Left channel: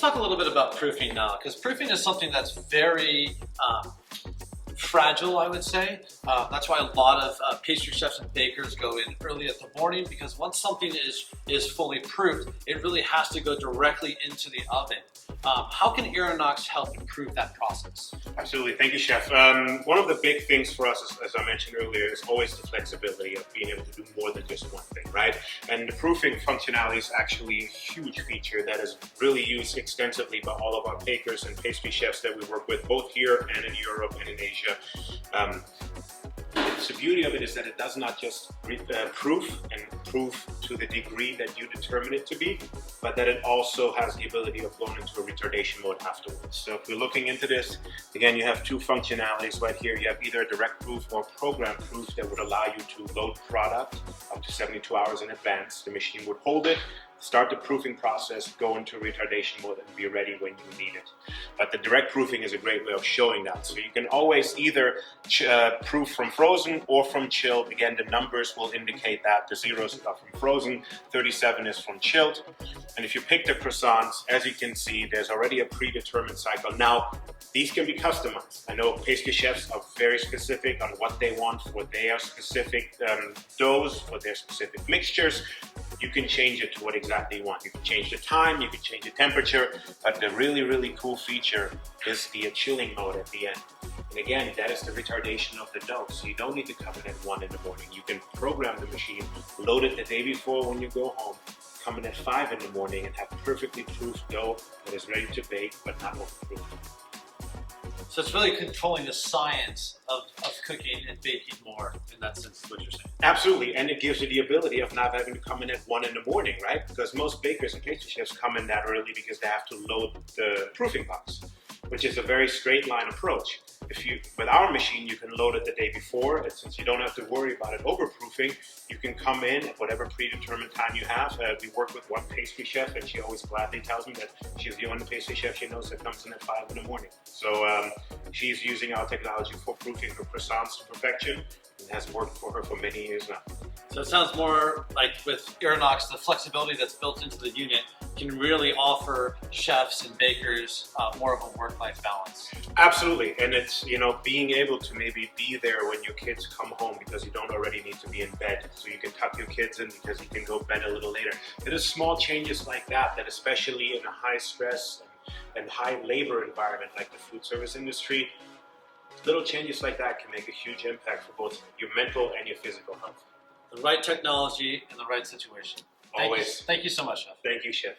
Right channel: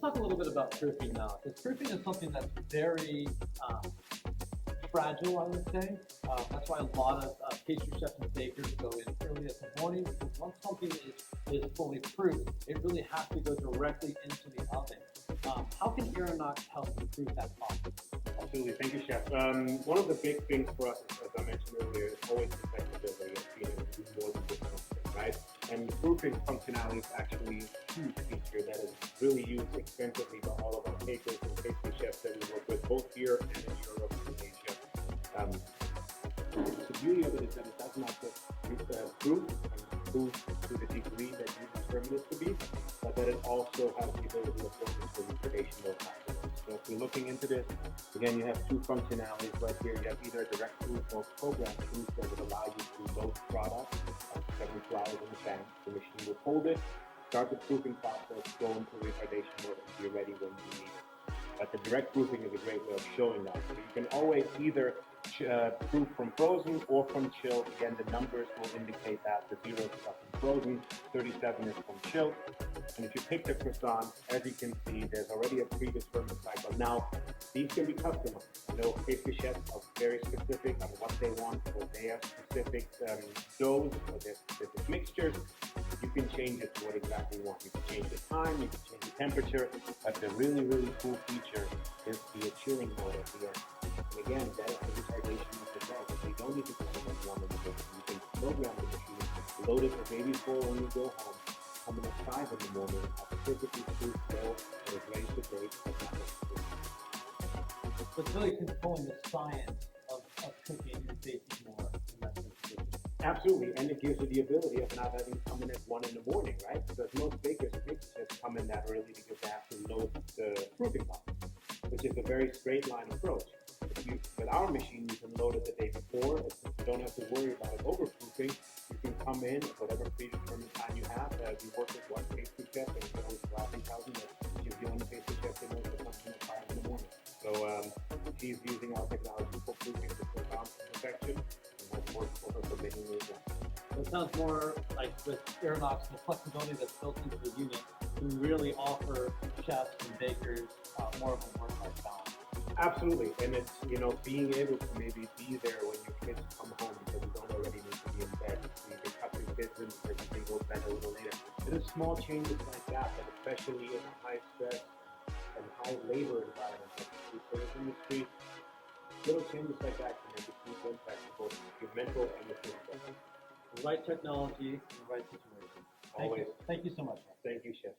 Let's talk a little bit about proofing now, because proofing is something that's very fragile, I would say. That's why a lot of pastry chefs and bakers go in early at the morning, because once something is fully proofed, it really has to go directly into the oven. How can Aeronox help improve that process? Absolutely, thank you, Chef. One of the big things for us, as I mentioned earlier, is always the flexibility of being able to do more than just one thing, right? And the proofing functionality is actually a huge feature that is really used extensively by all of our bakers and pastry chefs that we work with, both here and in Europe and in Asia. The beauty of it is that it does not just proof to the degree that you determine it to be, but that it also has the ability of going into a retardation mode afterwards. So if you're looking into this, again, you have two functionalities right here. You have either a direct proof or program proof that would allow you to load product up to 72 hours in advance. The machine would hold it, start the proofing process, go into retardation mode, and be ready when you need it. But the direct proofing is a great way of showing that. So you can always either proof from frozen or from chilled. Again, the numbers will indicate that. The zeros are from frozen, 37 is from chilled. And if you pick the croissants, as you can see, there's already a predetermined cycle. Now, these can be customized. I know pastry chefs are very specific on what they want for their specific doughs, for their specific mixtures. You can change it to what exactly you want. You can change the time, you can change the temperature, but the really, really cool feature is the chilling mode at the end. And again, that is the retardation of the dough. So you don't need to come in at 1 in the morning. You can program the machine, load it the day before when you go home, come in at 5 in the morning and have perfectly proofed dough that is ready to bake, but not overproofed. So it's really controlling the science of cooking and baking more, in that sense, is what you're saying. Absolutely, and it gives you the ability of not having to come in at 1 in the morning, right? Because most bakers and pastry chefs come in that early because they have to load the proofing box, which is a very straight line approach. With our machine, you can load it the day before, and since you don't have to worry about it overproofing, you can come in at whatever predetermined time you have. We work with one pastry chef, and she always gladly tells me that she's the only pastry chef she knows that comes in at 5 in the morning. So she's using our technology for proofing her croissants to perfection, and has worked for her for many years now. So it sounds more like with Aeronox, the flexibility that's built into the unit can really offer chefs and bakers more of a work-life balance. Absolutely, and it's, being able to maybe be there when your kids come home because you don't already need to be in bed, so you can tuck your kids in because you can go bed a little later. It is small changes like that especially in a high stress and high labor environment like the food service industry, little changes like that can make a huge impact for both your mental and your physical health. The right technology in the right situation. Always. Thank you so much, Chef. Thank you, Chef.